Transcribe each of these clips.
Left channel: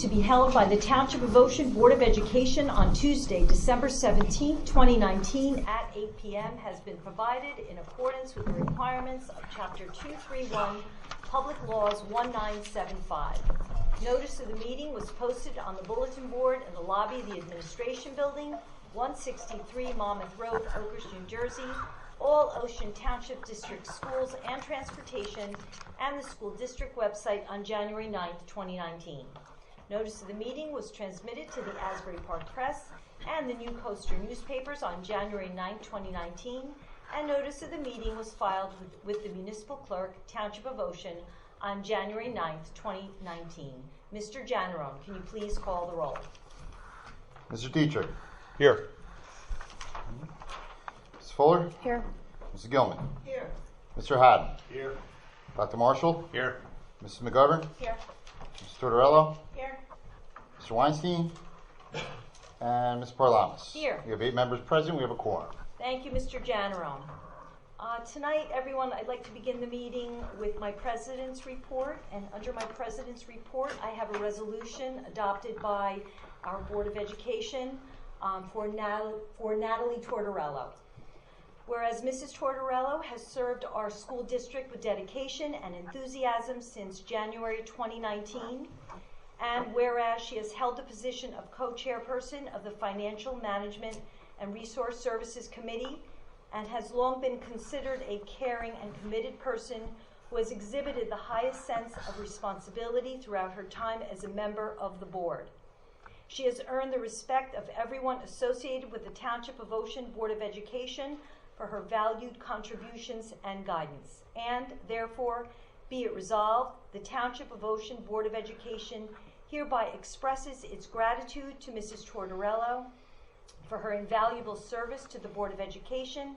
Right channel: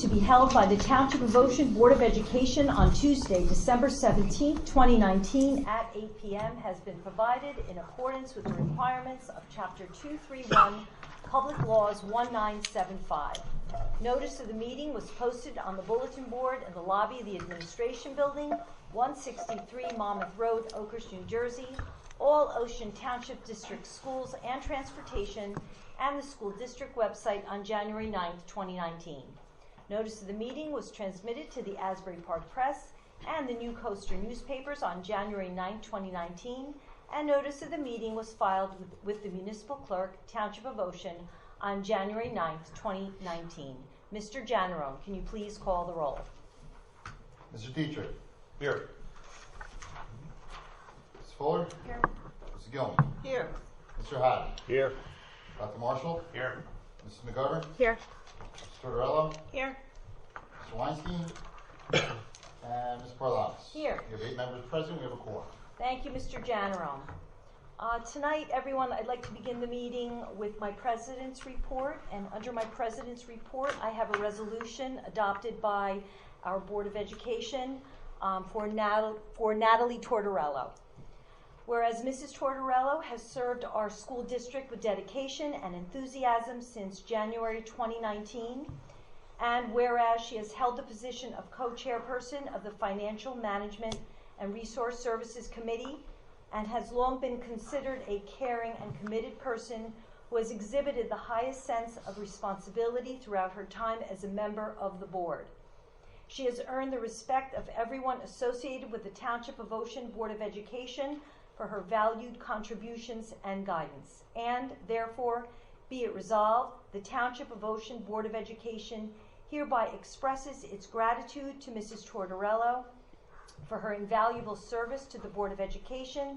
to be held by the Township of Ocean Board of Education on Tuesday, December 17, 2019 at 8 p.m. has been provided in accordance with the requirements of Chapter 231, Public Laws 1975. Notice of the meeting was posted on the bulletin board in the lobby of the Administration Building, 163 Monmouth Road, Oakhurst, New Jersey. All Ocean Township District schools and transportation, and the school district website on January 9, 2019. Notice of the meeting was transmitted to the Asbury Park Press and the New Coaster newspapers on January 9, 2019, and notice of the meeting was filed with the municipal clerk, Township of Ocean, on January 9, 2019. Mr. Janaro, can you please call the roll? Mr. Dietrich. Here. Ms. Fuller. Here. Mr. Gilman. Here. Mr. Haddon. Here. Dr. Marshall. Here. Mrs. McGovern. Here. Mr. Tortorello. Here. Mr. Weinstein. And Ms. Parlamas. Here. We have 8 members present. We have a quorum. Thank you, Mr. Janaro. Tonight, everyone, I'd like to begin the meeting with my President's Report. And under my President's Report, I have a resolution adopted by our Board of Education for Natalie Tortorello. Whereas Mrs. Tortorello has served our school district with dedication and enthusiasm since January 2019, and whereas she has held the position of co-chairperson of the Financial Management and Resource Services Committee, and has long been considered a caring and committed person who has exhibited the highest sense of responsibility throughout her time as a member of the board. She has earned the respect of everyone associated with the Township of Ocean Board of Education for her valued contributions and guidance. And therefore, be it resolved, the Township of Ocean Board of Education hereby expresses its gratitude to Mrs. Tortorello for her invaluable service to the Board of Education,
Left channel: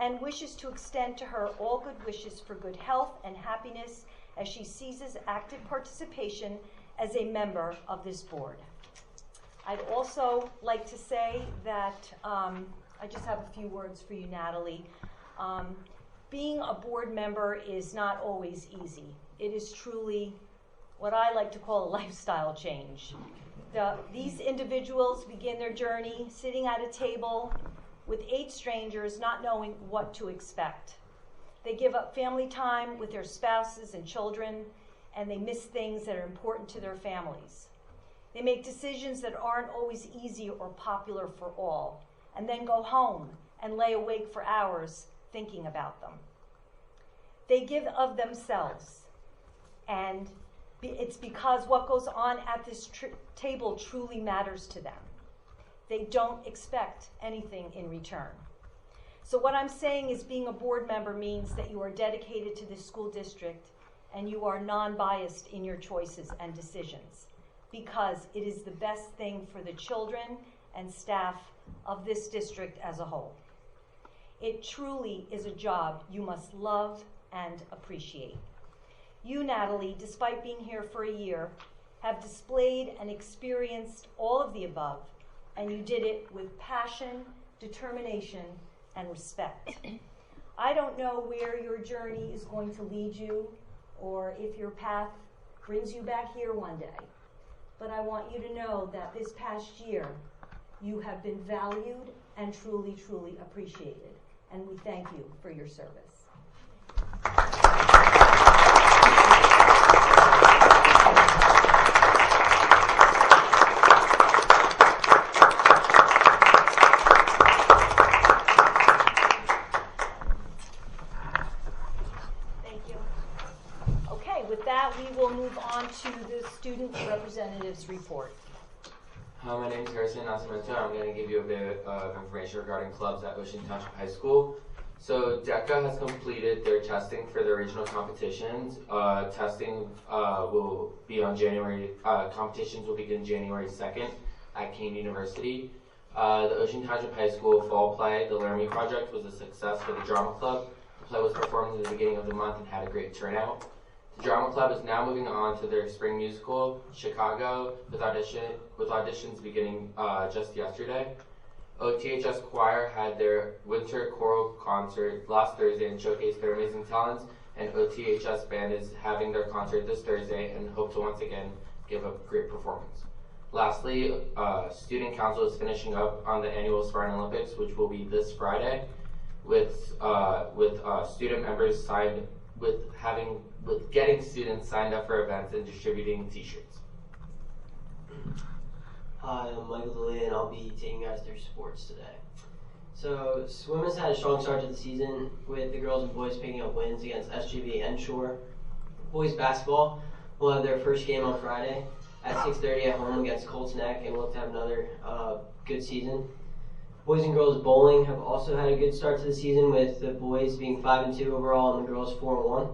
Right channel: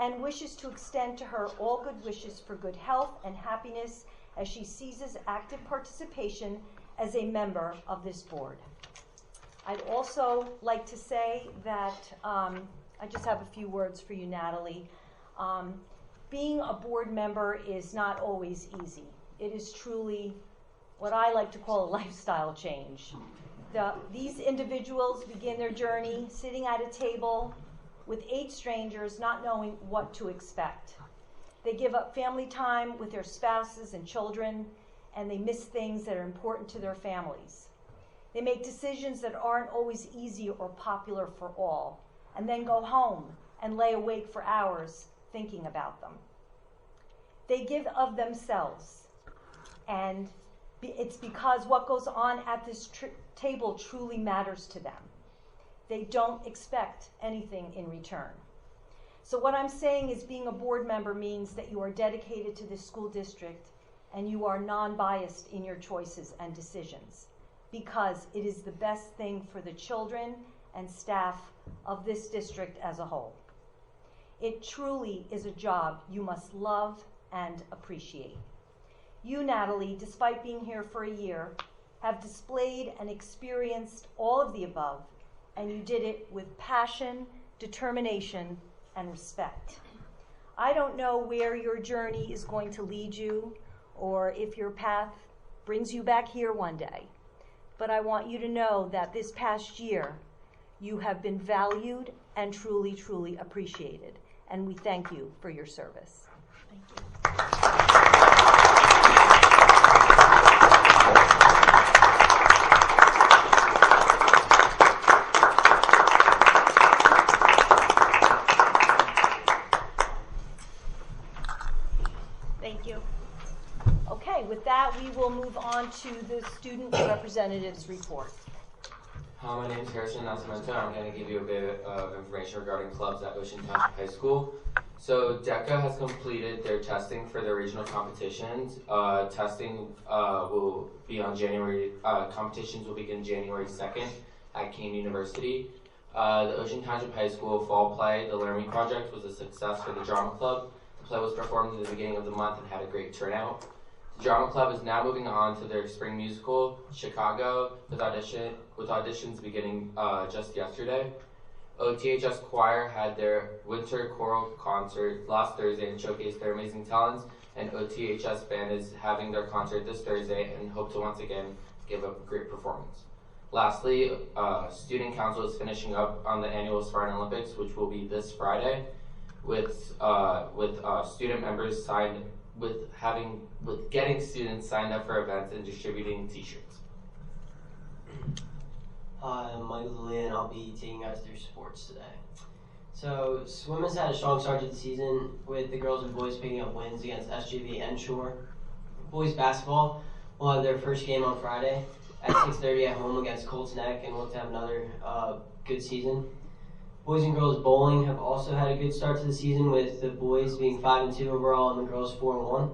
and wishes to extend to her all good wishes for good health and happiness as she seizes active participation as a member of this board. I'd also like to say that I just have a few words for you, Natalie. Being a board member is not always easy. It is truly what I like to call a lifestyle change. These individuals begin their journey sitting at a table with 8 strangers, not knowing what to expect. They give up family time with their spouses and children, and they miss things that are important to their families. They make decisions that aren't always easy or popular for all, and then go home and lay awake for hours thinking about them. They give of themselves, and it's because what goes on at this table truly matters to them. They don't expect anything in return. So what I'm saying is being a board member means that you are dedicated to this school district and you are non-biased in your choices and decisions, because it is the best thing for the children and staff of this district as a whole. It truly is a job you must love and appreciate. You, Natalie, despite being here for a year, have displayed and experienced all of the above, and you did it with passion, determination, and respect. I don't know where your journey is going to lead you, or if your path brings you back here one day, but I want you to know that this past year, you have been valued and truly, truly appreciated, and we thank you for your service. Thank you. To the student representative's report. My name is Harrison Nascimento. I'm going to give you a bit of information regarding clubs at Ocean Township High School. So DECA has completed their testing for their regional competitions. Testing will be on competitions will begin January 2nd at Kean University. The Ocean Township High School fall play, the Learn Me Project, was a success for the drama club. The play was performed at the beginning of the month and had a great turnout. The drama club is now moving on to their spring musical, Chicago, with auditions beginning just yesterday. OTHS Choir had their winter choral concert last Thursday and showcased their amazing talents, and OTHS Band is having their concert this Thursday and hope to once again give a great performance. Lastly, Student Council is finishing up on the annual Spartan Olympics, which will be this Friday, with student members getting students signed up for events and distributing T-shirts. Hi, I'm Michael Lee, and I'll be taking you guys through sports today. So, swim has had a strong start to the season, with the girls and boys picking up wins against SGB and Shore. Boys basketball will have their first game on Friday at 6:30 at home against Colts Neck, and look to have another good season. Boys and girls bowling have also had a good start to the season, with the boys being 5-2 overall and the girls 4-1.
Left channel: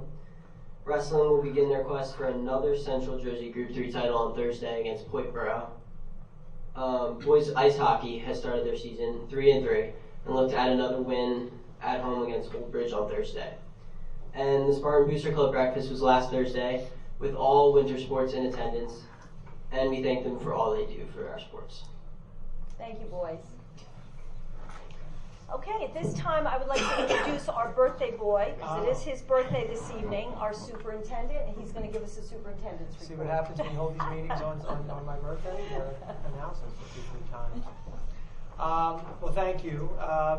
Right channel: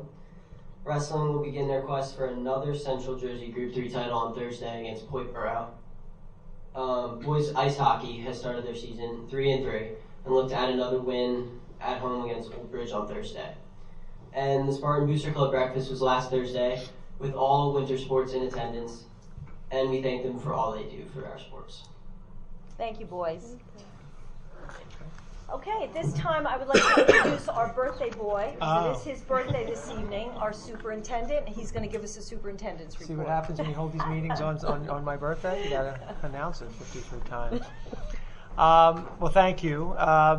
Wrestling will begin their quest for another Central Jersey Group 3 title on Thursday against Point Borough. Boys ice hockey has started their season 3-3 and look to add another win at home against Old Bridge on Thursday. And the Spartan Booster Club breakfast was last Thursday, with all winter sports in attendance, and we thank them for all they do for our sports. Thank you, boys. Okay, at this time, I would like to introduce our birthday boy. It is his birthday this evening, our superintendent. He's going to give us a superintendent's report. See what happens when you hold these meetings on my birthday? You got to announce it 53 times. Well, thank you.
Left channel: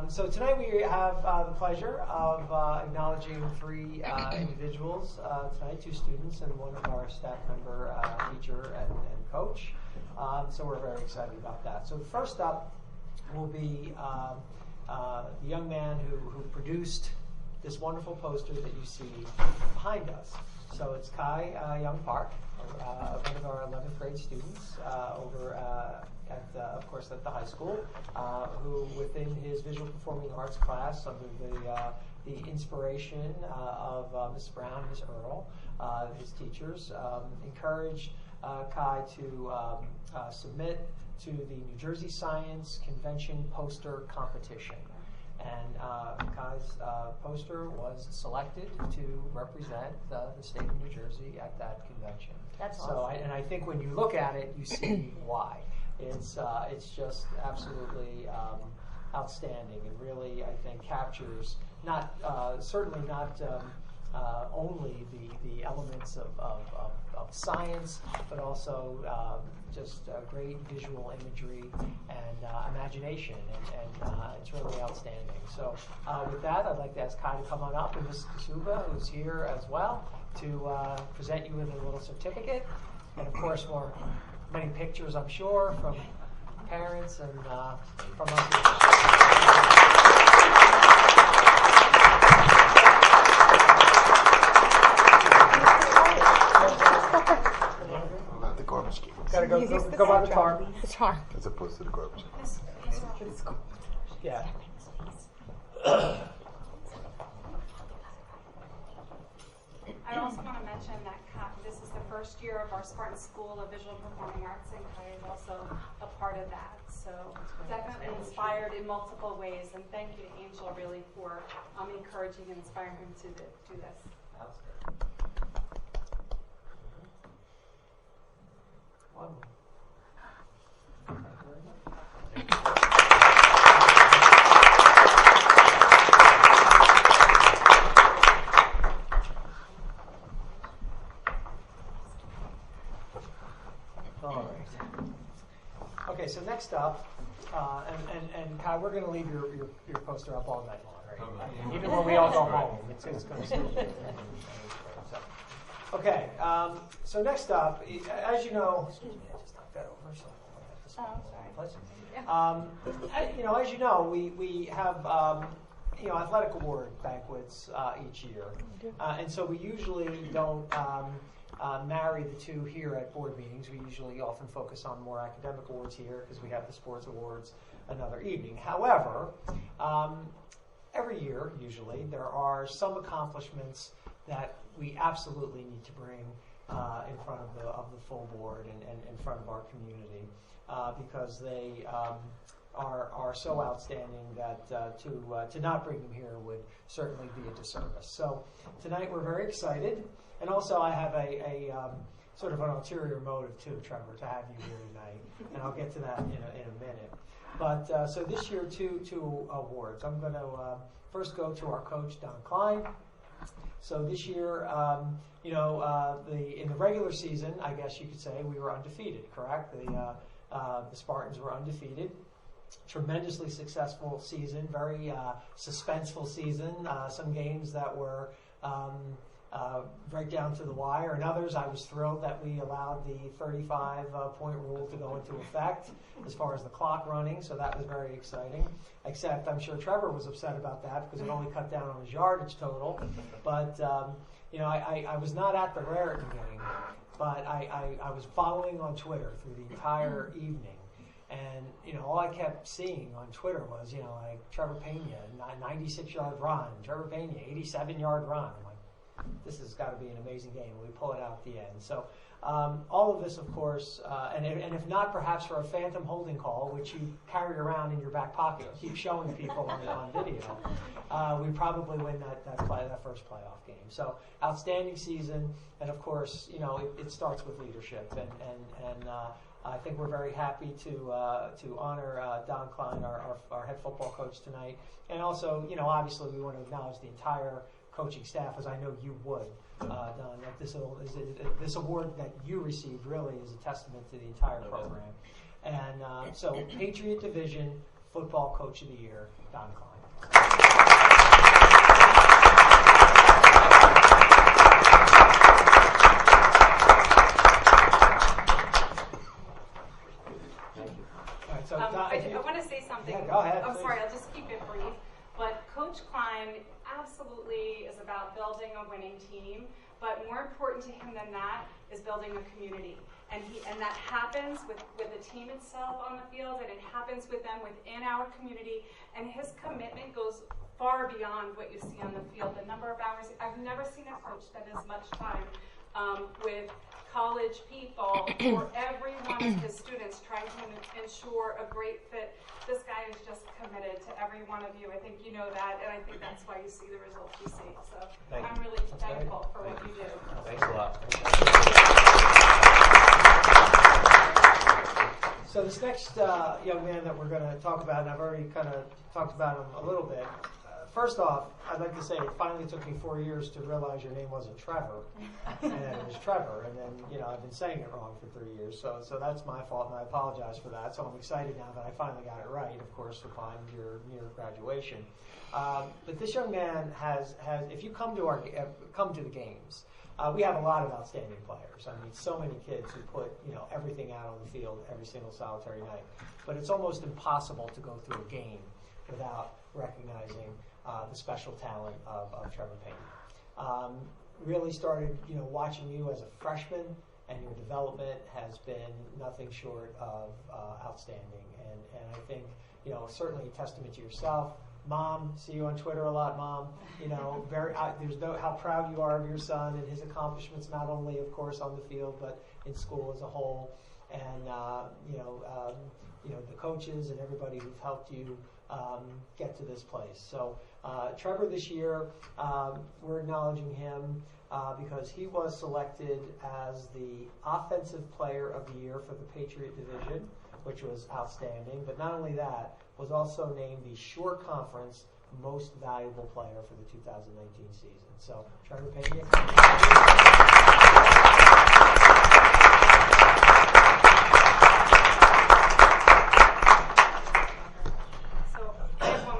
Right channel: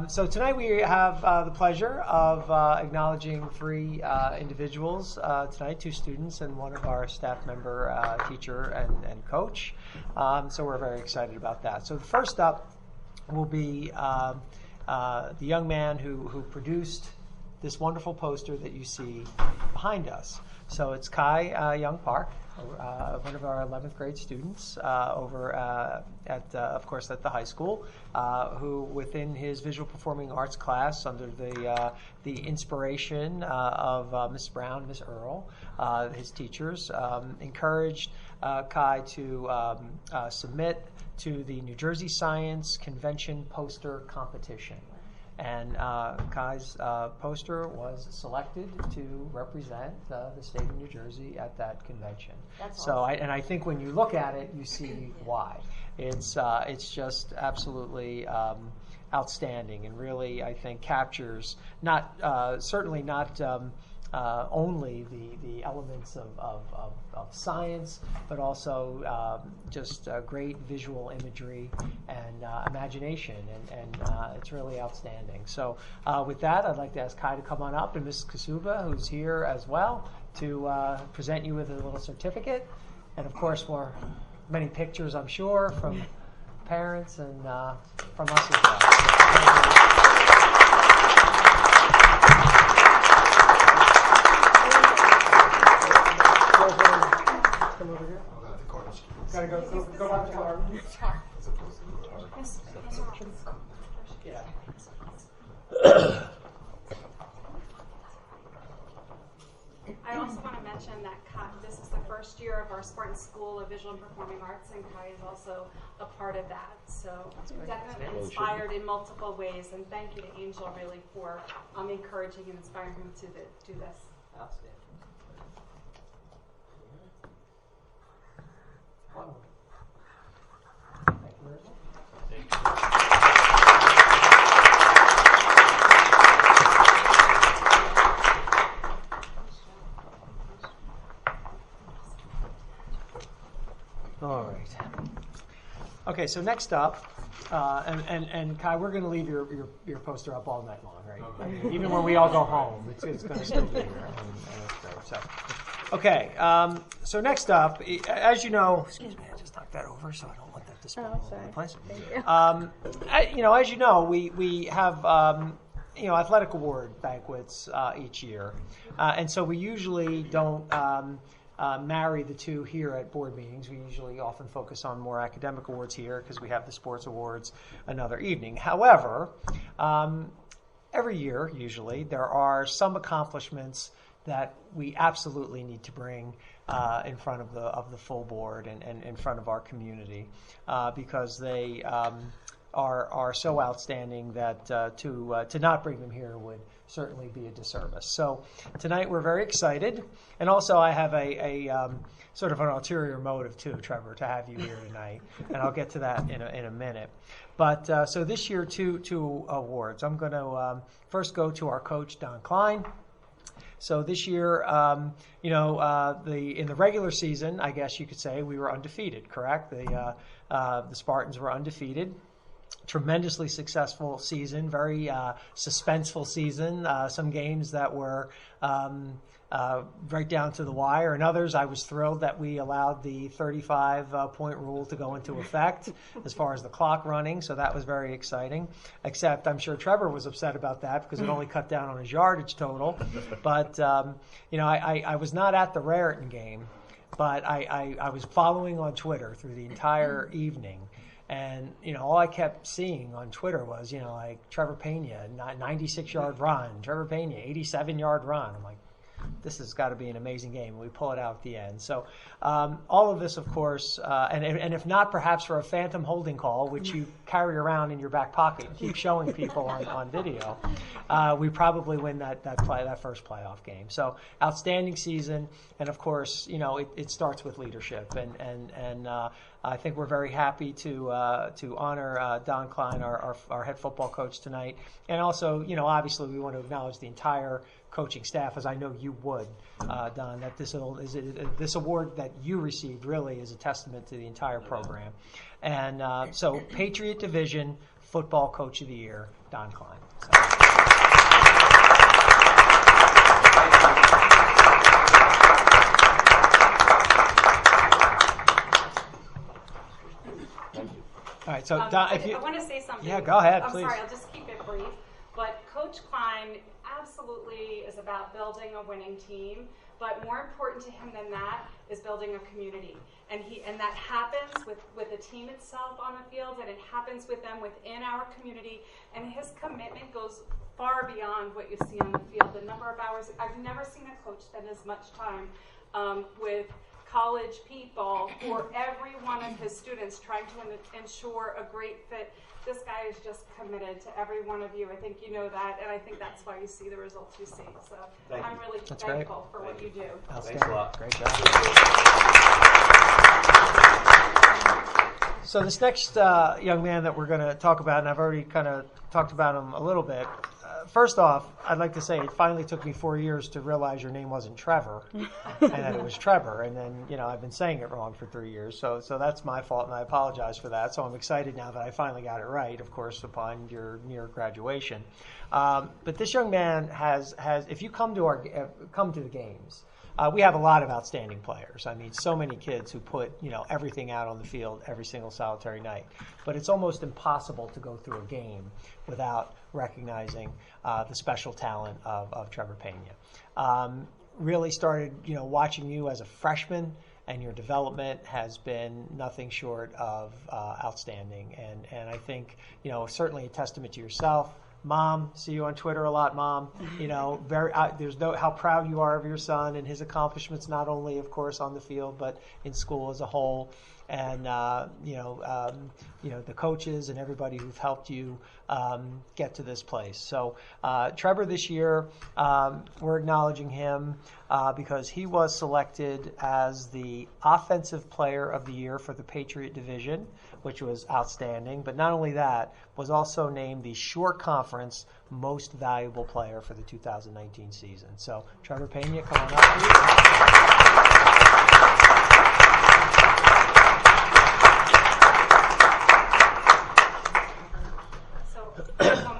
So tonight we have the pleasure of acknowledging 3 individuals tonight, 2 students and one of our staff member, teacher and coach. So we're very excited about that. So first up will be the young man who produced this wonderful poster that you see behind us. So it's Kai Young Park, one of our 11th grade students over of course, at the high school, who within his visual performing arts class, under the inspiration of Miss Brown, Miss Earl, his teachers, encouraged Kai to submit to the New Jersey Science Convention poster competition. And Kai's poster was selected to represent the state of New Jersey at that convention. That's so, awesome. I think when you look at it, you see why. It's just absolutely outstanding, and really, I think, captures certainly not only the elements of science, but also just great visual imagery and imagination, and it's really outstanding. So with that, I'd like to ask Kai to come on up, and Mrs. Kasuba, who's here as well, to present you with a little certificate, and of course many pictures, I'm sure, from parents and from us as well. Not the garbage can. Gotta go by the tar. As opposed to the garbage can. Yeah. I also want to mention that this is the first year of our Spartan School of Visual and Performing Arts, and Kai is also a part of that. So definitely inspired in multiple ways, and thank you to Angel really for encouraging and inspiring him to do this. That's good. All right. Okay, so next up, and Kai, we're going to leave your poster up all night long, right? Even when we all go home, it's going to still be there. So, okay, so next up, as you know, excuse me, I just knocked that over so I don't want that to spill all over the place. As you know, we have athletic award banquets each year, and so we usually don't marry the two here at board meetings. We usually often focus on more academic awards here because we have the sports awards another evening. However, every year, usually, there are some accomplishments that we absolutely need to bring in front of the full board and in front of our community because they are so outstanding that to not bring them here would certainly be a disservice. So tonight we're very excited, and also I have a sort of an ulterior motive too, Trevor, to have you here tonight, and I'll get to that in a minute. But so this year, two awards. I'm going to first go to our coach, Don Klein. So this year, in the regular season, I guess you could say we were undefeated. Correct? The Spartans were undefeated. Tremendously successful season, very suspenseful season. Some games that were right down to the wire, and others I was thrilled that we allowed the 35-point rule to go into effect as far as the clock running, so that was very exciting. Except I'm sure Trevor was upset about that because it only cut down on his yardage total. But I was not at the Raritan game, but I was following on Twitter through the entire evening. And, all I kept seeing on Twitter was, like Trevor Pena, 96-yard run, Trevor Pena, 87-yard run. I'm like, this has got to be an amazing game. We pull it out at the end. So all of this, of course, and if not perhaps for a phantom holding call, which you carry around in your back pocket, keep showing people on video, we probably win that first playoff game. So outstanding season, and of course, it starts with leadership, and I think we're very happy to honor Don Klein, our head football coach tonight, and also, obviously, we want to acknowledge the entire coaching staff, as I know you would, Don. That this award that you received really is a testament to the entire program, and so Patriot Division Football Coach of the Year, Don Klein. All right, so Don, I want to say something. Yeah, go ahead, I'm please. sorry, I'll just keep it brief. But Coach Klein absolutely is about building a winning team, but more important to him than that is building a community. And that happens with the team itself on the field, and it happens with them within our community. And his commitment goes far beyond what you see on the field. The number of hours, I've never seen a coach spend as much time with college people for every one of his students, trying to ensure a great fit. This guy is just committed to every one of you. I think you know that, and I think that's why you see the results you see. So I'm really thankful for what you do. Thanks a lot. Great job. So this next young man that we're going to talk about, and I've already kind of talked about him a little bit. First off, I'd like to say it finally took me 4 years to realize your name wasn't Trevor, and that it was Trevor. And then, I've been saying it wrong for 3 years, so that's my fault, and I apologize for that. So I'm excited now that I finally got it right, of course, upon your near graduation. But this young man has if you come to the games, we have a lot of outstanding players. I mean, so many kids who put everything out on the field every single solitary night. But it's almost impossible to go through a game without recognizing the special talent of Trevor Pena. Really started, watching you as a freshman, and your development has been nothing short of outstanding. And I think, certainly a testament to yourself. Mom, see you on Twitter a lot, Mom. There's how proud you are of your son and his accomplishments, not only, of course, on the field, but in school as a whole. And the coaches and everybody who've helped you get to this place. So Trevor this year, we're acknowledging him because he was selected as the Offensive Player of the Year for the Patriot Division, which was outstanding. But not only that, was also named the Shore Conference Most Valuable Player for the 2019 season. So Trevor Pena, come on up, please.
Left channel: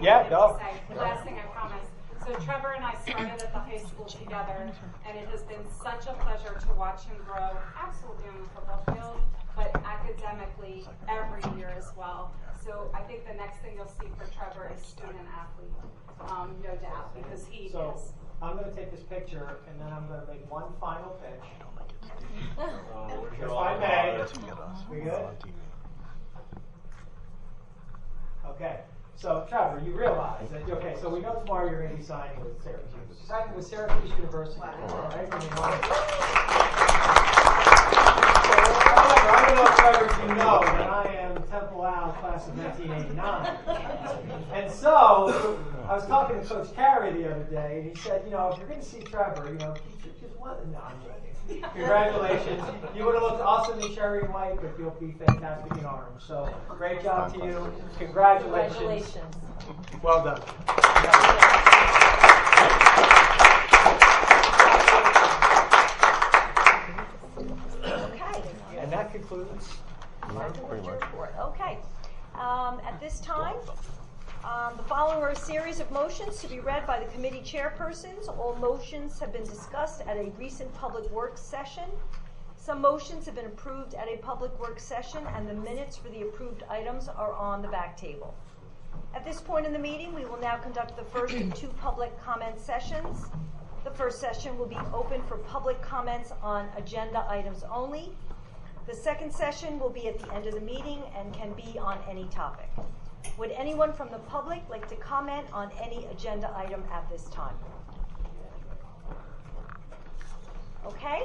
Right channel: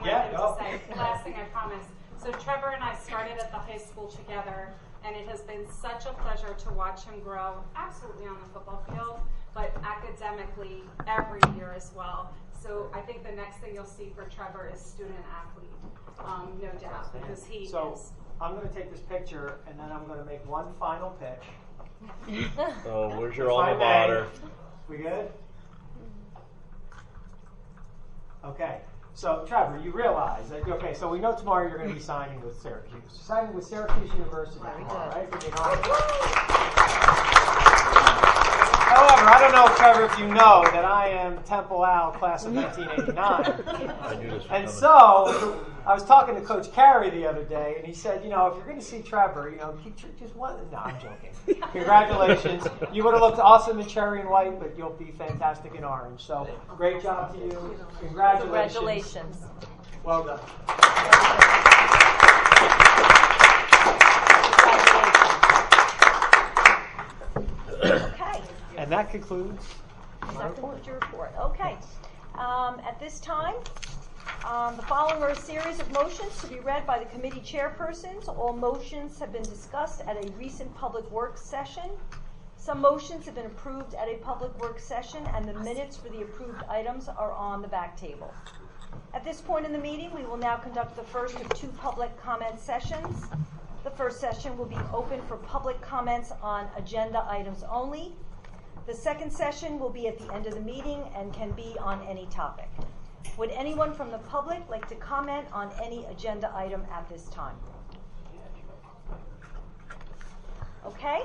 Yeah, go. Last thing I promise. So Trevor and I started at the high school together, and it has been such a pleasure to watch him grow, absolutely on the football field, but academically every year as well. So I think the next thing you'll see for Trevor is student athlete, no doubt, because he is. I'm going to take this picture, and then I'm going to make one final pitch. Oh, where's your alma mater? We good? Okay. So, Trevor, you realize that, so we know tomorrow you're going to be signing with Syracuse. You're signing with Syracuse University, right? However, I don't know, Trevor, if you know that I am Temple Al, class of 1989. And so, I was talking to Coach Carey the other day, and he said, if you're going to see Trevor, just one. No, I'm joking. Congratulations. You would have looked awesome in cherry and white, but you'll be fantastic in orange. So, great job to you. Congratulations. Well done. that concludes my That concludes your report. report. Okay. At this time, the following are a series of motions to be read by the committee chairpersons. All motions have been discussed at a recent public works session. Some motions have been approved at a public works session, and the minutes for the approved items are on the back table. At this point in the meeting, we will now conduct the first of two public comment sessions. The first session will be open for public comments on agenda items only. The second session will be at the end of the meeting and can be on any topic. Would anyone from the public like to comment on any agenda item at this time? Okay.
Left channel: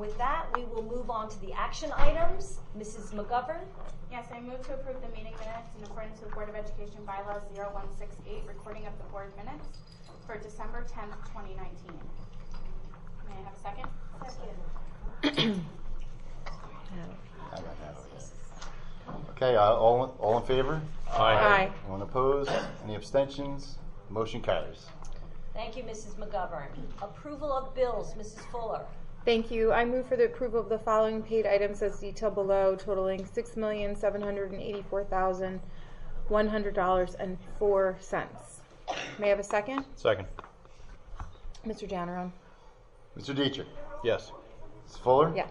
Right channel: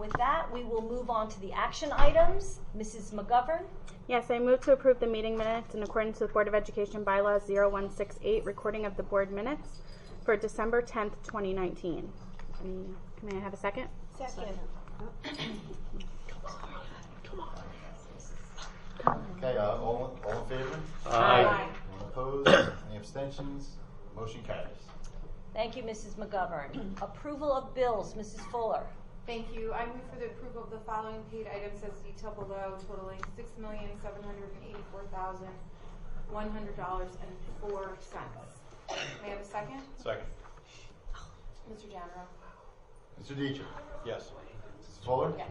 With that, we will move on to the action items. Mrs. McGovern? Yes, I move to approve the meeting minutes in accordance with Board of Education Bylaws 0168, recording of the board minutes for December 10th, 2019. May I have a second? Second. Okay, all in favor? Aye. Anyone opposed? Any abstentions? Motion carries. Thank you, Mrs. McGovern. Approval of bills, Mrs. Fuller. Thank you. I move for the approval of the following paid items as detailed below, totaling $6,784,100.04. May I have a second? Second. Mr. Janneron? Mr. Dietrich? Yes. Mrs. Fuller? Yes.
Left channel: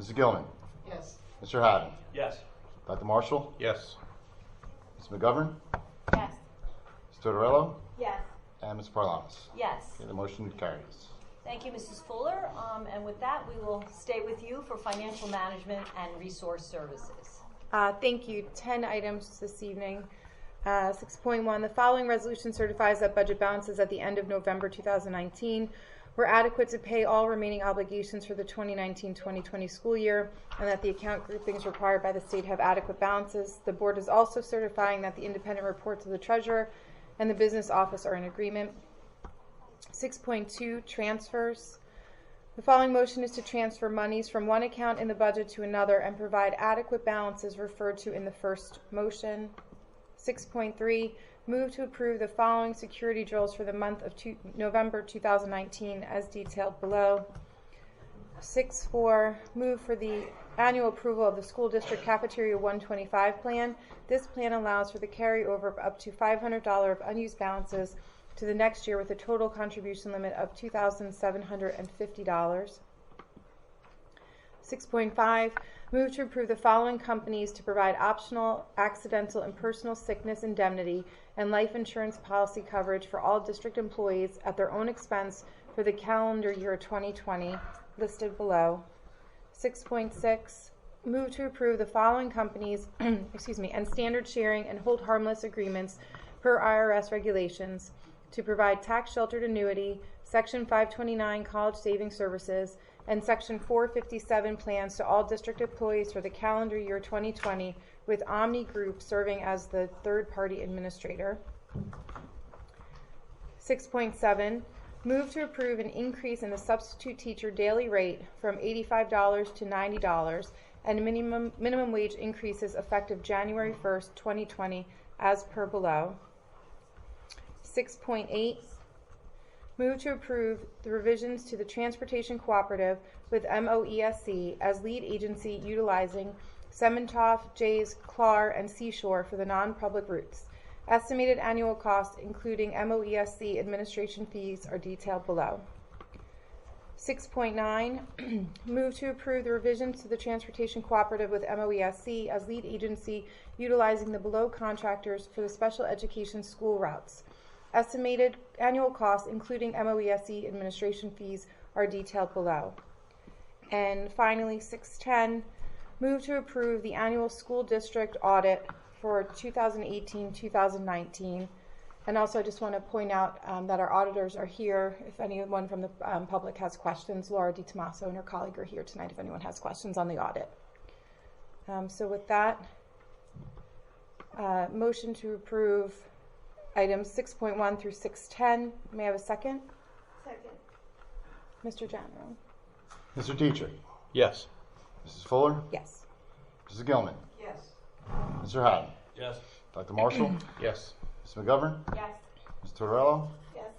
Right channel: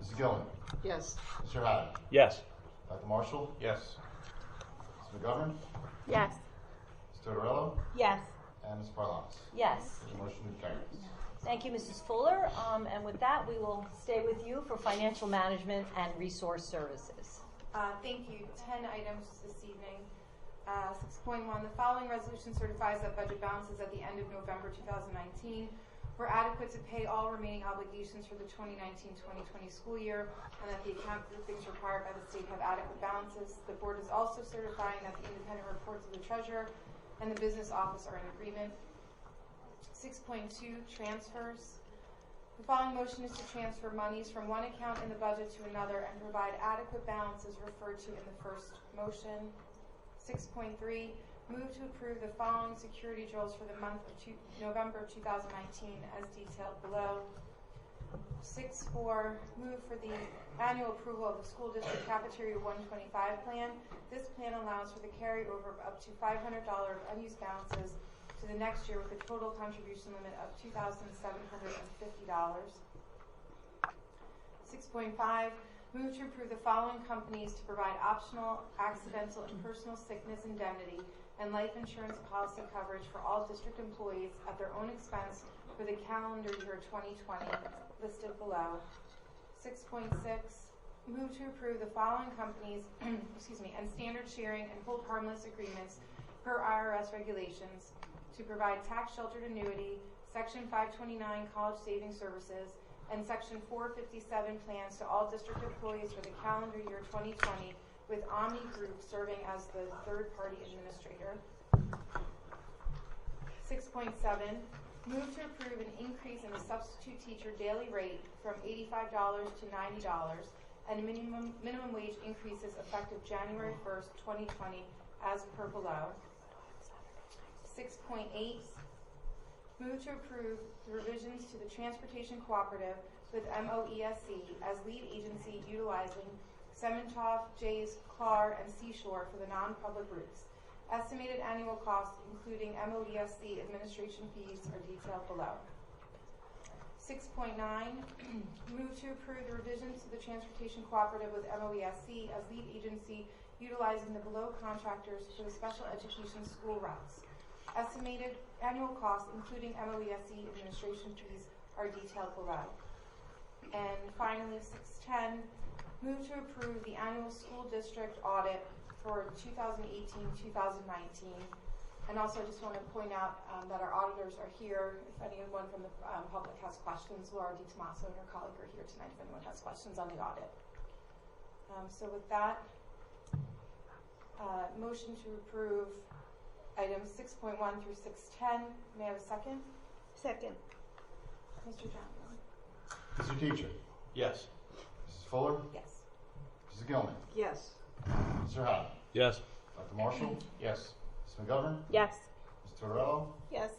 Mrs. Gilman? Yes. Mr. Haddon? Yes. Dr. Marshall? Yes. Ms. McGovern? Yes. Mr. Tortorello? Yes. And Ms. Parlamas? Yes. Okay, the motion carries. Thank you, Mrs. Fuller. And with that, we will stay with you for financial management and resource services. Thank you. 10 items this evening. 6.1, the following resolution certifies that budget balances at the end of November 2019 were adequate to pay all remaining obligations for the 2019-2020 school year, and that the account groupings required by the state have adequate balances. The board is also certifying that the independent reports of the treasurer and the business office are in agreement. 6.2, transfers. The following motion is to transfer monies from one account in the budget to another and provide adequate balances referred to in the first motion. 6.3, move to approve the following security drills for the month of November 2019 as detailed below. 6.4, move for the annual approval of the school district cafeteria 125 plan. This plan allows for the carryover of up to $500 of unused balances to the next year with a total contribution limit of $2,750. 6.5, move to approve the following companies to provide optional, accidental, and personal sickness indemnity and life insurance policy coverage for all district employees at their own expense for the calendar year 2020, listed below. 6.6, move to approve the following companies and standard sharing and hold harmless agreements per IRS regulations to provide tax-sheltered annuity, Section 529 college savings services, and Section 457 plans to all district employees for the calendar year 2020, with Omni Group serving as the third-party administrator. 6.7, move to approve an increase in the substitute teacher daily rate from $85 to $90 and minimum wage increases effective January 1st, 2020, as per below. 6.8, move to approve the revisions to the Transportation Cooperative with MOESC as lead agency utilizing Sementoff, Jays, Clar, and Seashore for the non-public routes. Estimated annual costs, including MOESC administration fees, are detailed below. 6.9, move to approve the revisions to the Transportation Cooperative with MOESC as lead agency utilizing the below contractors for the special education school routes. Estimated annual costs, including MOESC administration fees, are detailed below. And finally, 6.10, move to approve the annual school district audit for 2018-2019. And also I just want to point out that our auditors are here. If anyone from the public has questions, Laura DiTomaso and her colleague are here tonight if anyone has questions on the audit. So with that, motion to approve items 6.1 through 6.10. May I have a second? Second. Mr. Janneron? Mr. Dietrich? Yes. Mrs. Fuller? Yes. Mrs. Gilman? Yes. Mr. Haddon? Yes. Dr. Marshall? Yes. Ms. McGovern? Yes. Mr. Tortorello? Yes.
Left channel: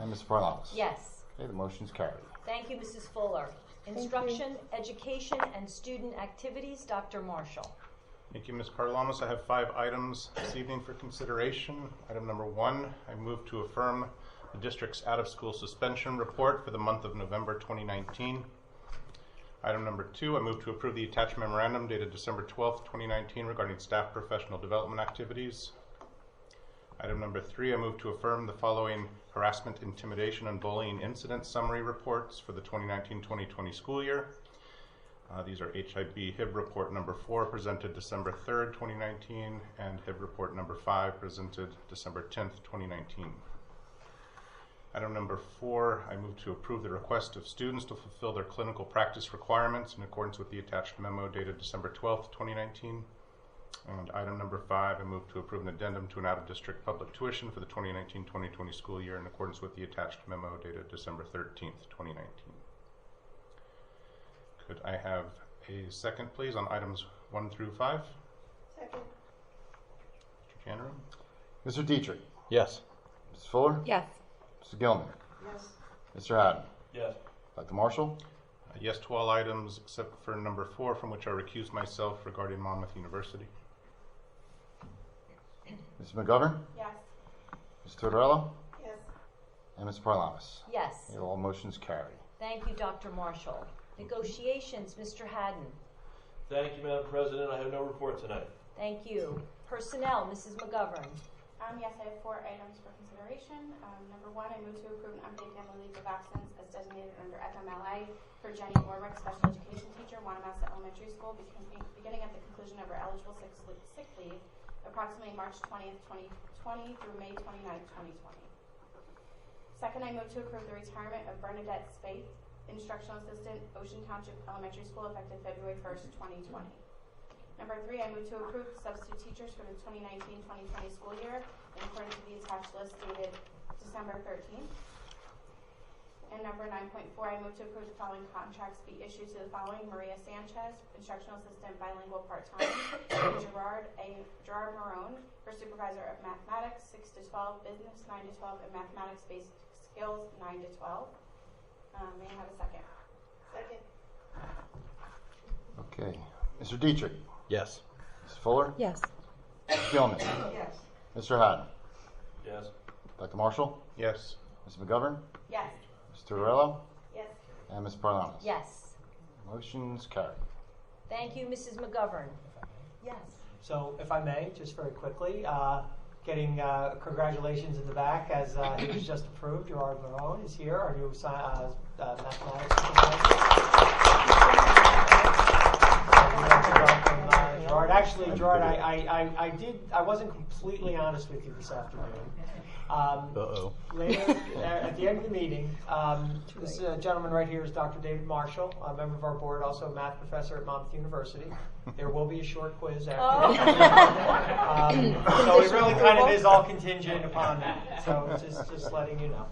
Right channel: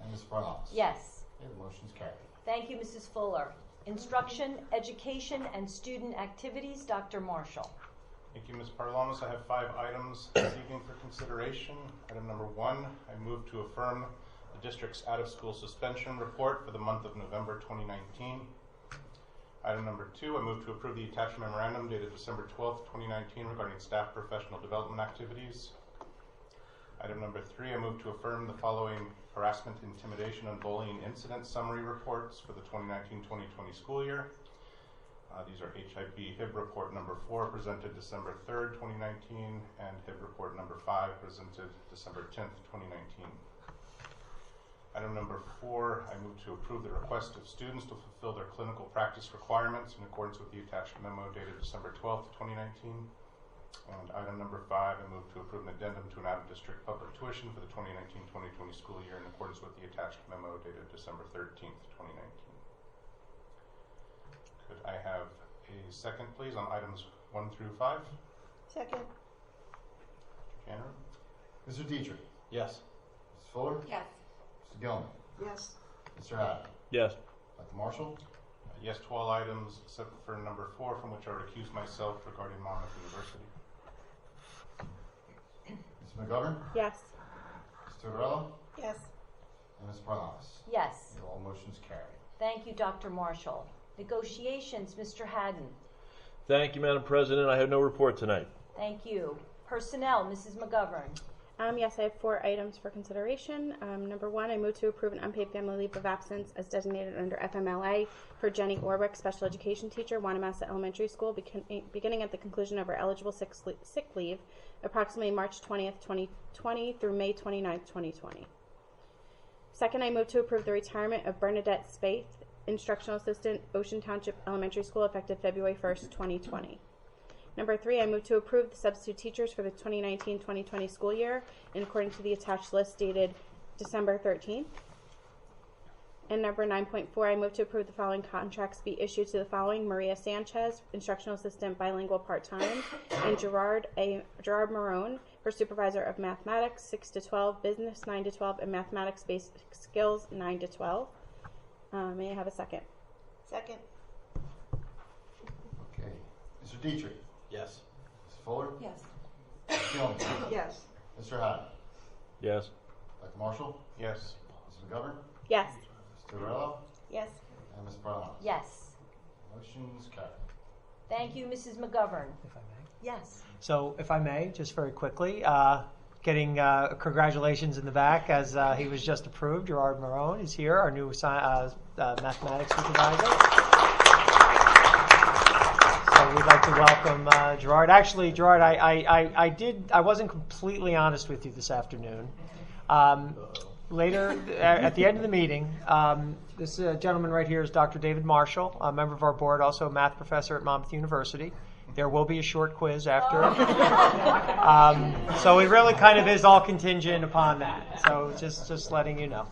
And Ms. Parlamas? Yes. Okay, the motion's carried. Thank you, Mrs. Fuller. Instruction, Education, and Student Activities, Dr. Marshall. Thank you, Ms. Parlamas. I have 5 items this evening for consideration. Item number 1, I move to affirm the district's out-of-school suspension report for the month of November 2019. Item number 2, I move to approve the attached memorandum dated December 12th, 2019 regarding staff professional development activities. Item number 3, I move to affirm the following harassment, intimidation, and bullying incident summary reports for the 2019-2020 school year. These are HIB-HIB report number 4 presented December 3rd, 2019, and HIB report number 5 presented December 10th, 2019. Item number 4, I move to approve the request of students to fulfill their clinical practice requirements in accordance with the attached memo dated December 12th, 2019. And item number 5, I move to approve an addendum to an out-of-district public tuition for the 2019-2020 school year in accordance with the attached memo dated December 13th, 2019. Could I have a second, please, on items 1 through 5? Second. Mr. Cannery? Mr. Dietrich? Yes. Mrs. Fuller? Yes. Mr. Gilman? Yes. Mr. Haddon? Yes. Dr. Marshall? Yes to all items except for number 4, from which I recuse myself regarding Monmouth University. Ms. McGovern? Yes. Ms. Tortorella? Yes. And Ms. Parlamas? Yes. All motions carry. Thank you, Dr. Marshall. Negotiations, Mr. Haddon. Thank you, Madam President. I have no report tonight. Thank you. Personnel, Mrs. McGovern. Yes, I have 4 items for consideration. Number 1, I move to approve an unpaid family leave of absence as designated under FMLA for Jenny Orwick, special education teacher, Wanamassa Elementary School, beginning at the conclusion of her eligible sick leave, approximately March 20th, 2020 through May 29th, 2020. Second, I move to approve the retirement of Bernadette Spaeth, instructional assistant, Ocean Township Elementary School, effective February 1st, 2020. Number 3, I move to approve the substitute teachers for the 2019-2020 school year in accordance to the attached list dated December 13th. And number 9.4, I move to approve the following contracts be issued to the following: Maria Sanchez, instructional assistant, bilingual part-time, and Gerard Marone for supervisor of mathematics 6 to 12, business 9 to 12, and mathematics-based skills 9 to 12. May I have a second? Second. Okay. Mr. Dietrich? Yes. Ms. Fuller? Yes. Mr. Gilman? Yes. Mr. Haddon? Yes. Dr. Marshall? Yes. Ms. McGovern? Yes. Ms. Tortorella? Yes. And Ms. Parlamas? Yes. Motions carry. Thank you, Mrs. McGovern. Yes. So, if I may, just very quickly, getting congratulations in the back as he was just approved. Gerard Marone is here, our new mathematics supervisor. So we'd like to welcome Gerard. Actually, Gerard, I wasn't completely honest with you this afternoon. Later, at the end of the meeting, this gentleman right here is Dr. David Marshall, a member of our board, also a math professor at Monmouth University. There will be a short quiz after. So it really kind of is all contingent upon that. So just letting you know.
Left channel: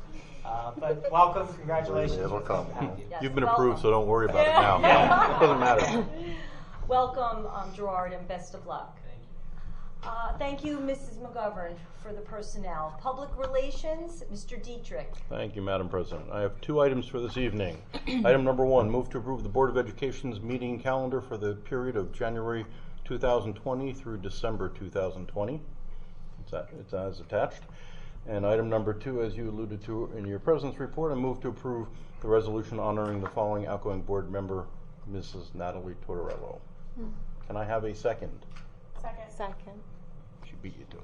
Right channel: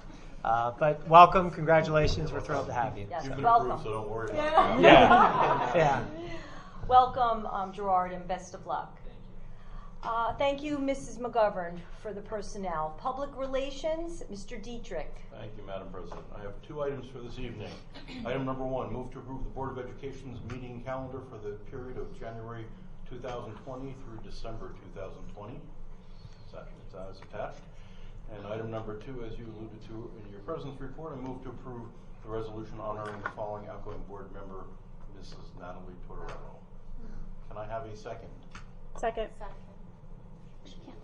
But welcome, congratulations. We're thrilled to have you. Yes, You've been welcome. approved, so don't worry about it now. Yeah. Doesn't matter. Yeah. Welcome, Gerard, and best of luck. Thank you, Mrs. McGovern, for the personnel. Public relations, Mr. Dietrich. Thank you, Madam President. I have 2 items for this evening. Item number 1, move to approve the Board of Education's meeting calendar for the period of January 2020 through December 2020. It's as attached. And item number 2, as you alluded to in your President's report, I move to approve the resolution honoring the following outgoing board member, Mrs. Natalie Tortorello. Can I have a second? Second. She beat you to it.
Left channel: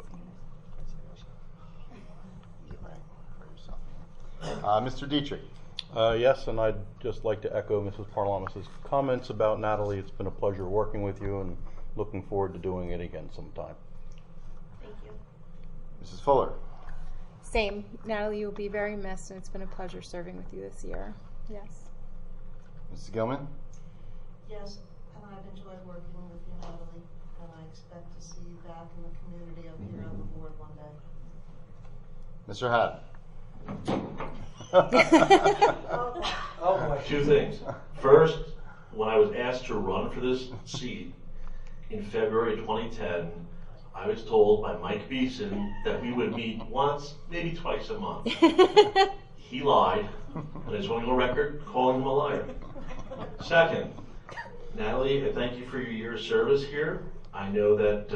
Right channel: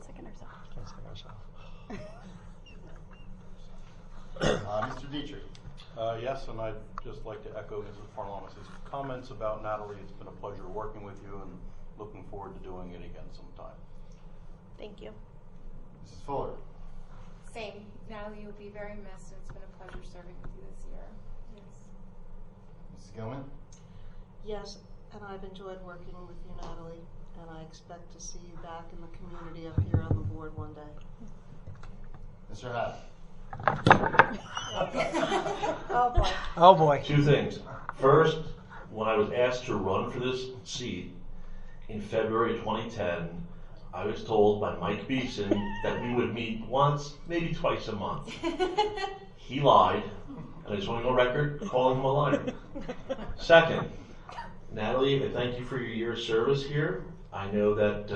Mr. Dietrich? Yes, and I'd just like to echo Mrs. Parlamas' comments about Natalie. It's been a pleasure working with you and looking forward to doing it again sometime. Thank you. Mrs. Fuller? Same. Natalie, you'll be very missed, and it's been a pleasure serving with you this year. Yes. Mrs. Gilman? Yes, and I've enjoyed working with you, Natalie, and I expect to see you back in the community up here on the board one day. Mr. Haddon? Oh, boy. Oh boy. 2 things. First, when I was asked to run for this seat in February 2010, I was told by Mike Beeson that we would meet once, maybe twice a month. He lied. I just want to go on record calling him a liar. Second, Natalie, I thank you for your year of service here. I know that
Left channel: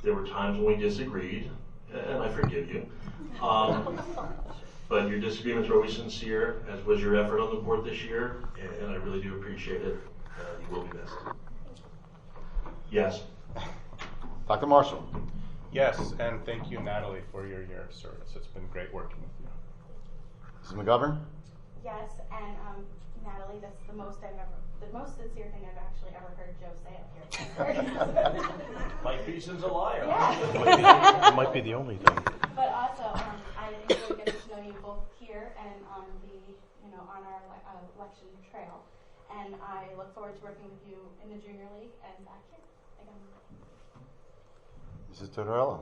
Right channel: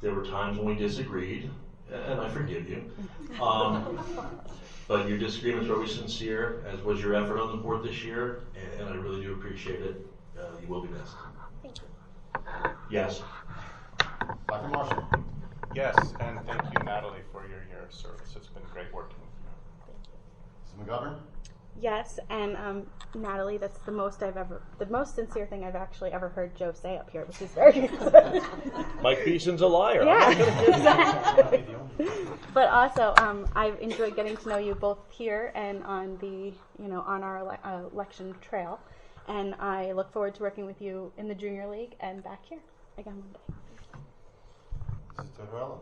there were times when we disagreed, and I forgive you. But your disagreements were always sincere, as was your effort on the board this year, and I really do appreciate it. You will be missed. Yes. Dr. Marshall? Yes, and thank you, Natalie, for your year of service. It's been great working with you. Mrs. McGovern? Yes, and Natalie, that's the most sincere thing I've actually ever heard Joe say up here that he started. Mike Beeson's a liar. Yeah. Might be the only thing. But also, I've enjoyed getting to know you both here and on the, on our election trail, and I look forward to working with you in the Junior League and back here again one day. Mrs. Tortorella?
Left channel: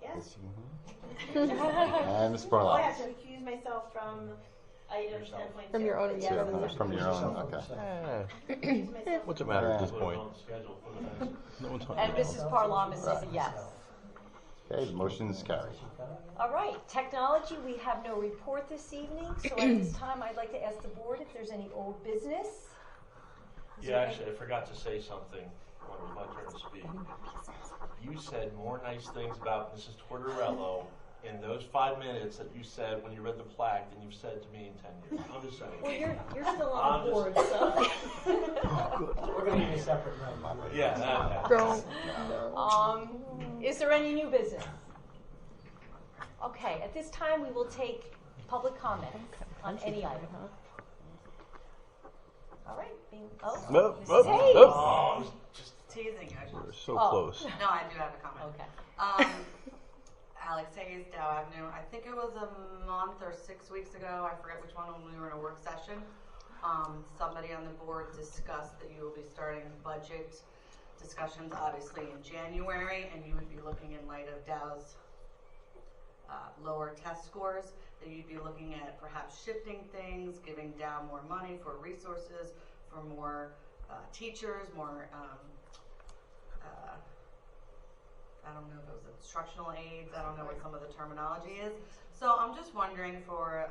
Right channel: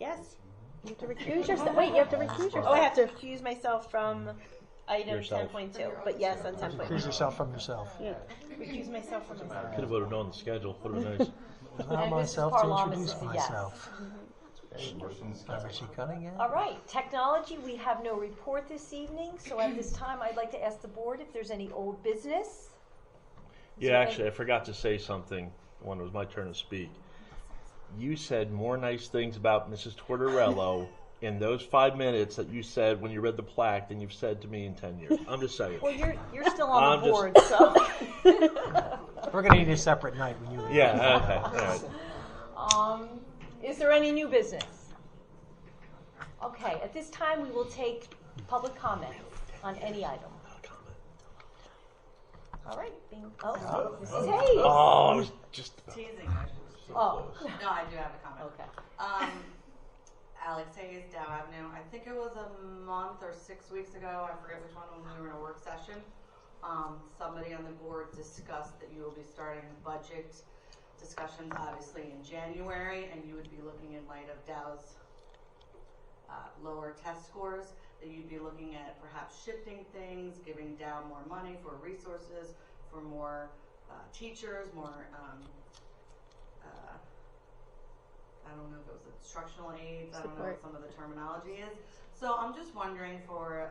Yes. You have to recuse yourself. Wait, you have to recuse yourself. Oh, I have to recuse myself from item 10.2. From your own- Yes, from that's your own- Recuse yourself from yourself. Recuse myself. What's the matter? Just put it on the schedule. Put it nice. And Mrs. myself to Parlama introduce says a yes. myself. Okay, motion is carried. Is she cutting it? All right, technology, we have no report this evening, so at this time, I'd like to ask the board if there's any old business. Yeah, actually, I forgot to say something when it was my turn to speak. You said more nice things about Mrs. Tortorello in those 5 minutes that you said when you read the plaque than you've said to me in 10 years. I'm just saying. Well, you're still on the I'm board, so. We're going to need a separate night. You and Yeah, okay. Is there any new business? Okay, at this time, we will take public comment on any item. All right. Mrs. Hayes. Oh, I was just Teasing. We're so Oh. close. No, I do have a comment. Okay. Alex Hayes, Dow Avenue. I think it was a month or 6 weeks ago. I forget which one when we were in a work session. Somebody on the board discussed that you will be starting budget discussions, obviously in January, and you would be looking in light of Dow's lower test scores. That you'd be looking at perhaps shifting things, giving Dow more money for resources, for more teachers, more. I don't know if it was instructional aids. I don't know what some of the terminology is. So I'm just wondering for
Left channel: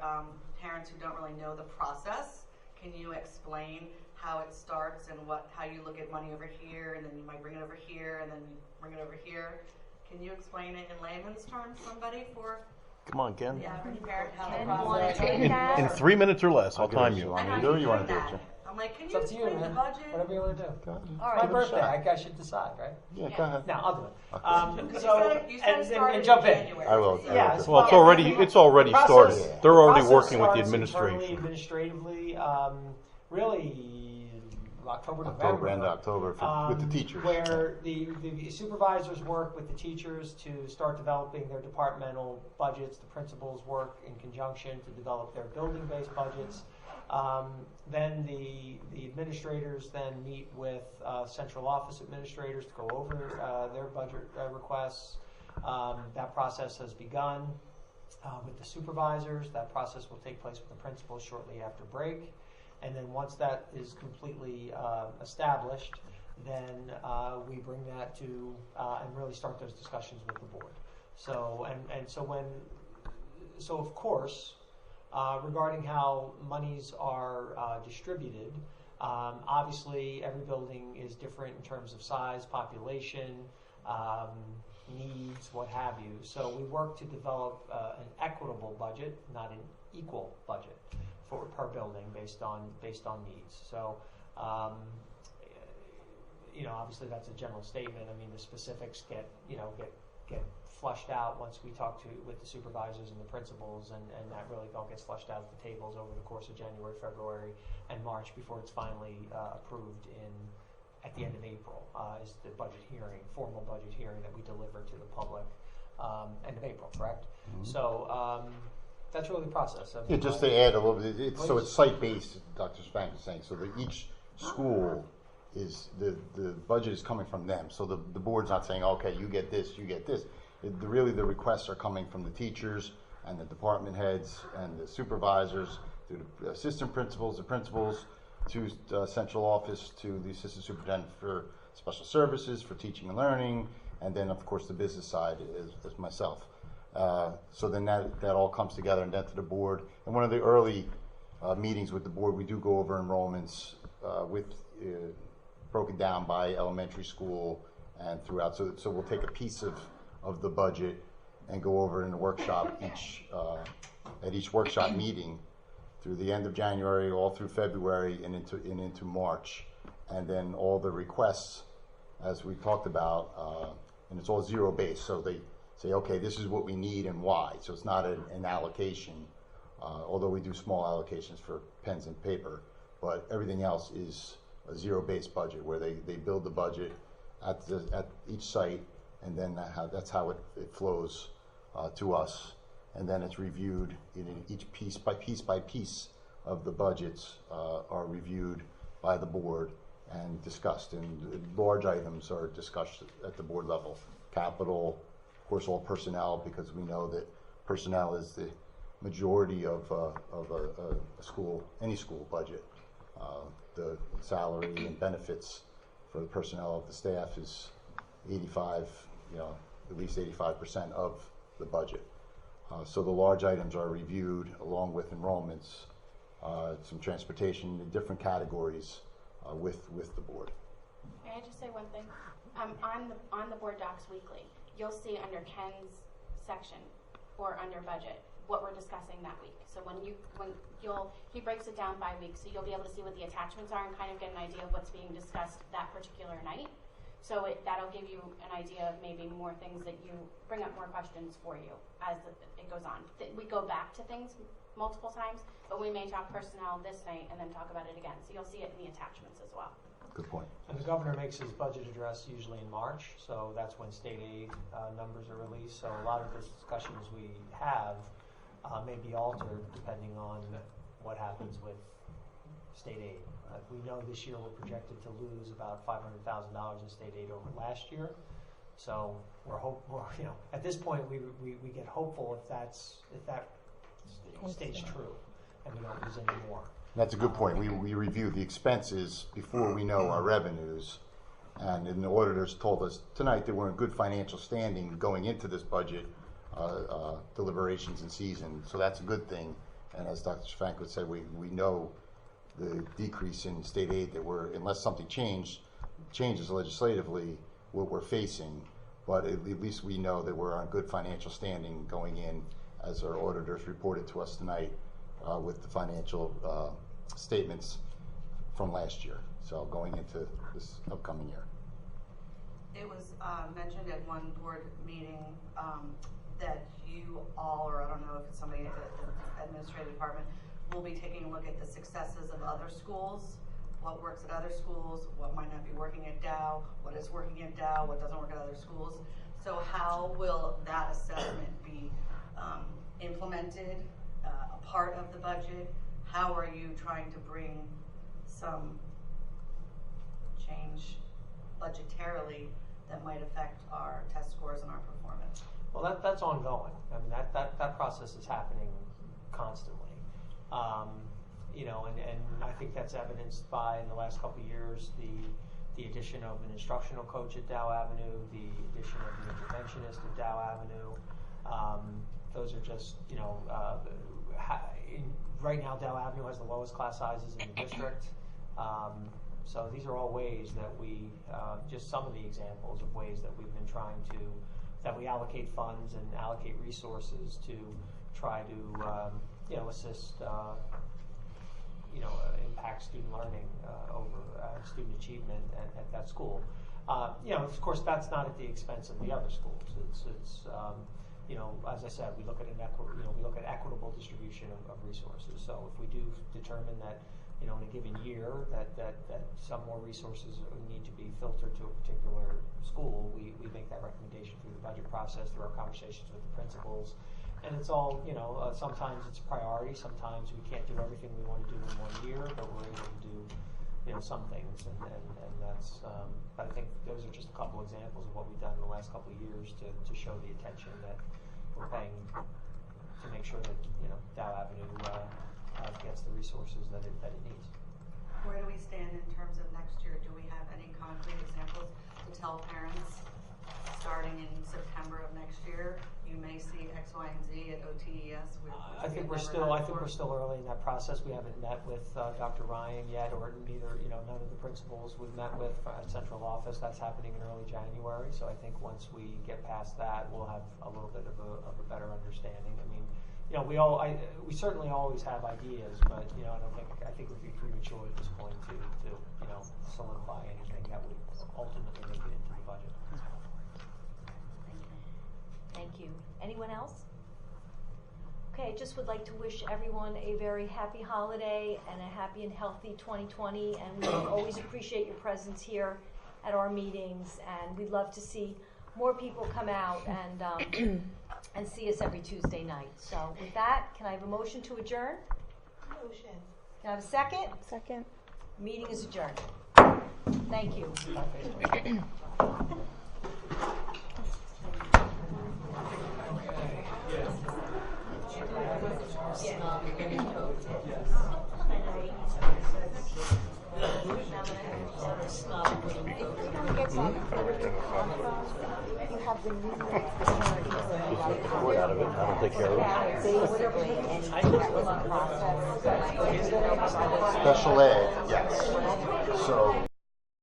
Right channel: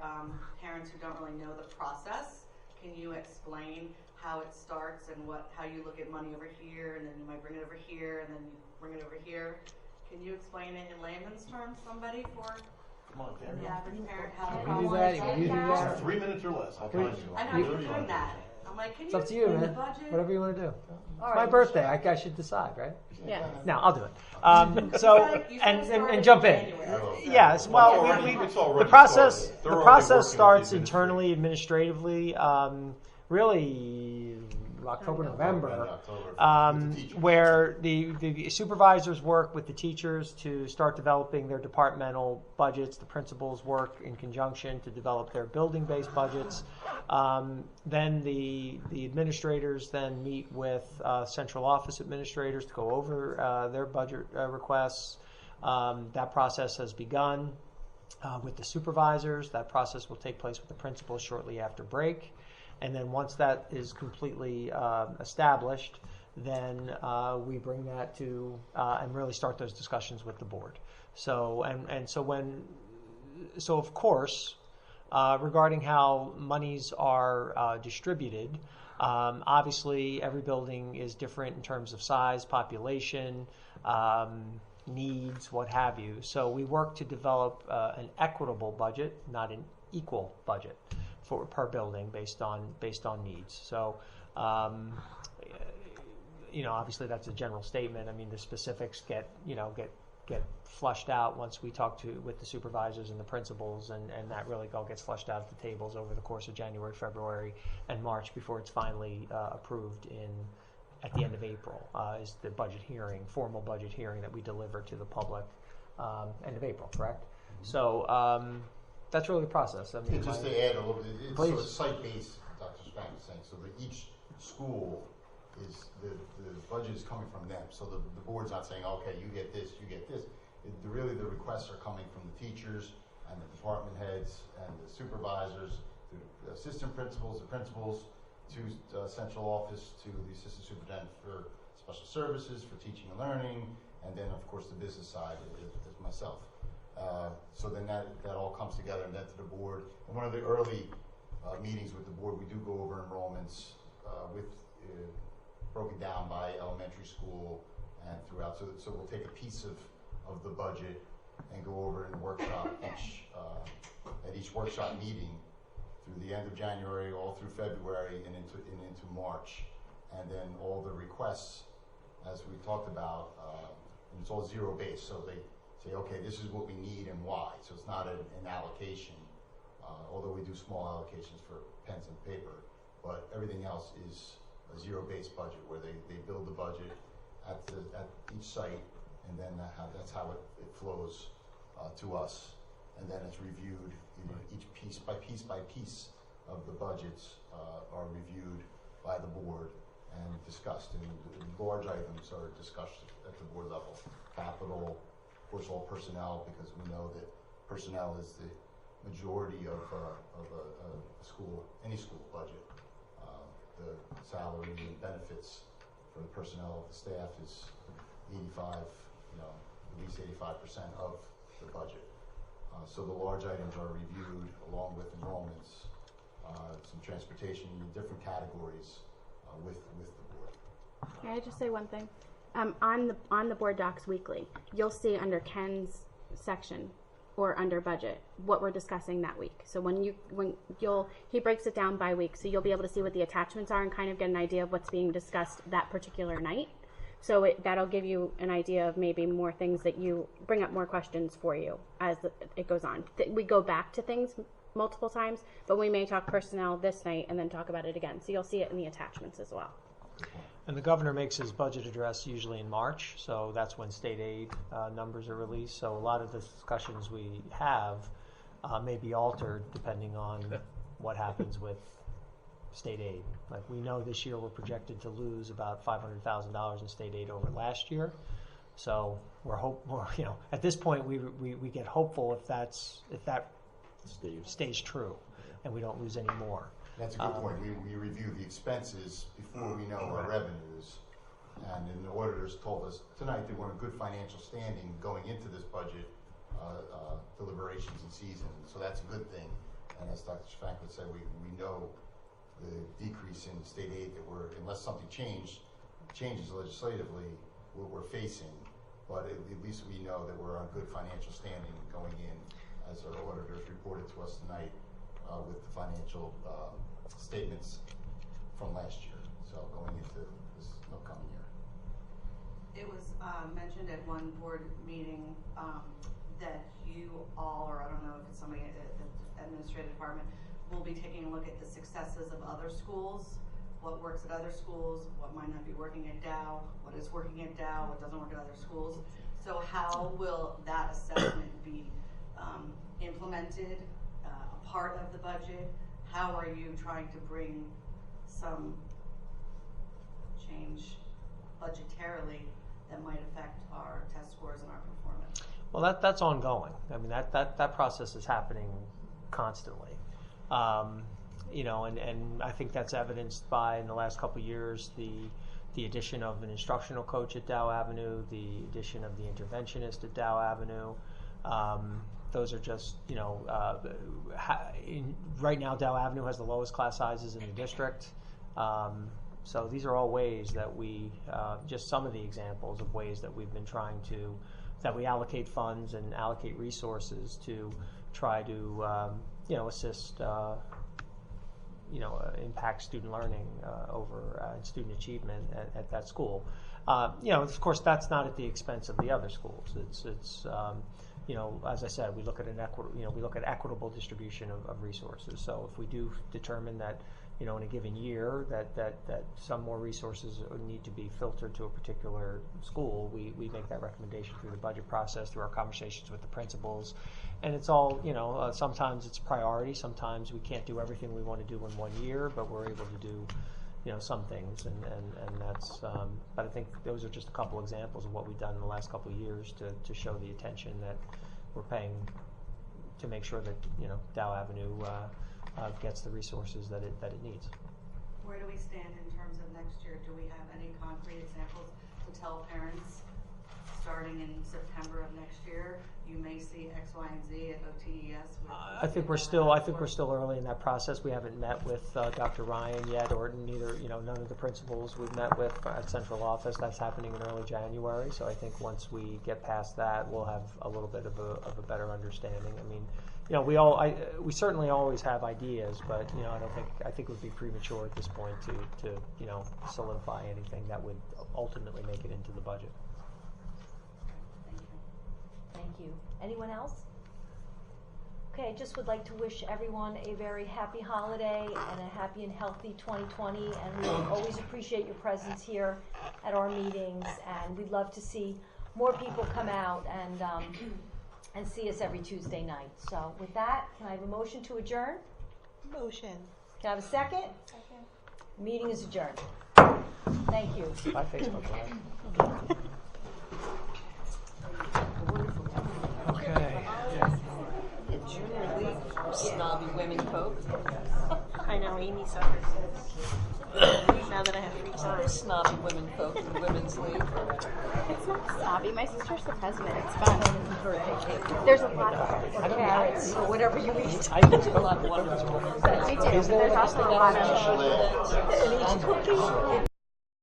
parents who don't really know the process, can you explain how it starts and how you look at money over here, and then you might bring it over here, and then you bring it over here? Can you explain it in layman's terms, somebody, for Come on, Ken. the average parent how the process is? In 3 minutes or less, I'll time you. I You know do, you want to do that. it? I'm like, can It's you up to you, explain man. the budget? Whatever you want to do. All It's right. my birthday. I should decide, right? Yeah, go ahead. No, I'll do it. You And started jump in. January. I will. Yes, Well, it's already the process, started. They're already the process working with the starts administration. internally, administratively, really October, November. End October with the teachers. Where the supervisors work with the teachers to start developing their departmental budgets. The principals work in conjunction to develop their building-based budgets. Then the administrators then meet with central office administrators to go over their budget requests. That process has begun with the supervisors. That process will take place with the principals shortly after break. And then once that is completely established, then we bring that to and really start those discussions with the board. So so of course, regarding how monies are distributed, obviously every building is different in terms of size, population, needs, what have you. So we work to develop an equitable budget, not an equal budget for per building based on needs. So, obviously that's a general statement. I mean, the specifics get flushed out once we talk with the supervisors and the principals, and that really all gets flushed out at the tables over the course of January, February, and March before it's finally approved at the end of April. Is the budget hearing, formal budget hearing that we deliver to the public end of April, correct? Mm-hmm. So. That's really the process. I mean, Just to add a little bit, so it's site-based, Dr. Spank is saying, so that each school is, the budget is coming from them. So the board's not saying, okay, you get this, you get this. Really, the requests are coming from the teachers and the department heads and the supervisors, to the assistant principals, the principals, to central office, to the assistant superintendent for special services, for teaching and learning, and then, of course, the business side is myself. So then that all comes together and then to the board. And one of the early meetings with the board, we do go over enrollments broken down by elementary school and throughout. So we'll take a piece of the budget and go over in a workshop at each workshop meeting through the end of January, all through February, and into March. And then all the requests, as we talked about, and it's all zero-based. So they say, okay, this is what we need and why. So it's not an allocation, although we do small allocations for pens and paper. But everything else is a zero-based budget where they build the budget at each site, and then that's how it flows to us. And then it's reviewed in each piece by piece of the budgets are reviewed by the board and discussed. And large items are discussed at the board level. Capital, of course, all personnel, because we know that personnel is the majority of a school, any school budget. The salary and benefits for the personnel of the staff is 85, at least 85% of the budget. So the large items are reviewed along with enrollments, some transportation, different categories with the board. Can I just say one thing? On the board docs weekly, you'll see under Ken's section or under budget what we're discussing that week. So he breaks it down by week, so you'll be able to see what the attachments are and kind of get an idea of what's being discussed that particular night. So that'll give you an idea of maybe more things that you bring up more questions for you as it goes on. We go back to things multiple times, but we may talk personnel this night and then talk about it again. So you'll see it in the attachments as well. Good point. And the governor makes his budget address usually in March, so that's when state aid numbers are released. So a lot of the discussions we have may be altered depending on what happens with state aid. Like we know this year we're projected to lose about $500,000 in state aid over last year. So we're at this point we get hopeful if that stays true and we don't lose any more. That's a good point. We review the expenses before we know our revenues, and the auditors told us tonight that we're in good financial standing going into this budget deliberations and season, so that's a good thing. And as Dr. Franklin said, we know the decrease in state aid that unless something changes legislatively, what we're facing, but at least we know that we're on good financial standing going in, as our auditors reported to us tonight with the financial statements from last year, so going into this upcoming year. It was mentioned at one board meeting that you all, or I don't know if it's somebody at the administrative department, will be taking a look at the successes of other schools, what works at other schools, what might not be working at Dow, what is working at Dow, what doesn't work at other schools. So how will that assessment be implemented, a part of the budget? How are you trying to bring some change budgetarily that might affect our test scores and our performance? Well, that's ongoing. I mean, that process is happening constantly. And I think that's evidenced by, in the last couple of years, the addition of an instructional coach at Dow Avenue, the addition of the interventionist at Dow Avenue. Those are just, right now Dow Avenue has the lowest class sizes in the district. So these are all ways that we, just some of the examples of ways that we've been trying that we allocate funds and allocate resources to try to, assist, impact student learning over student achievement at that school. Of course, that's not at the expense of the other schools. It's as I said, we look at equitable distribution of resources. So if we do determine that, in a given year that some more resources need to be filtered to a particular school, we make that recommendation through the budget process, through our conversations with the principals. And it's all, sometimes it's priority. Sometimes we can't do everything we want to do in 1 year, but we're able to do, some things. And that's, but I think those are just a couple examples of what we've done in the last couple of years to show the attention that we're paying to make sure that, Dow Avenue gets the resources that it needs. Where do we stand in terms of next year? Do we have any concrete examples to tell parents starting in September of next year, you may see X, Y, and Z at OTES? I think we're still early in that process. We haven't met with Dr. Ryan yet, or neither, none of the principals we've met with at central office. That's happening in early January. So I think once we get past that, we'll have a little bit of a better understanding. I mean, we certainly always have ideas, but I think it would be premature at this point to solidify anything that would ultimately make it into the budget. Thank you. Anyone else? Okay, I just would like to wish everyone a very happy holiday and a happy and healthy 2020, and we always appreciate your presence here at our meetings, and we'd love to see more people come out and see us every Tuesday night. So with that, can I have a motion to adjourn? Motion. Can I have a second? Second. Meeting is adjourned. Thank you. Bye, Facebook. Okay. Snobby women coat. I know Amy saw this. Now that I have to saw this snobby women coat. Snobby might be question husband. There's a lot of carrots. Whatever you eat. Special ed, yes. So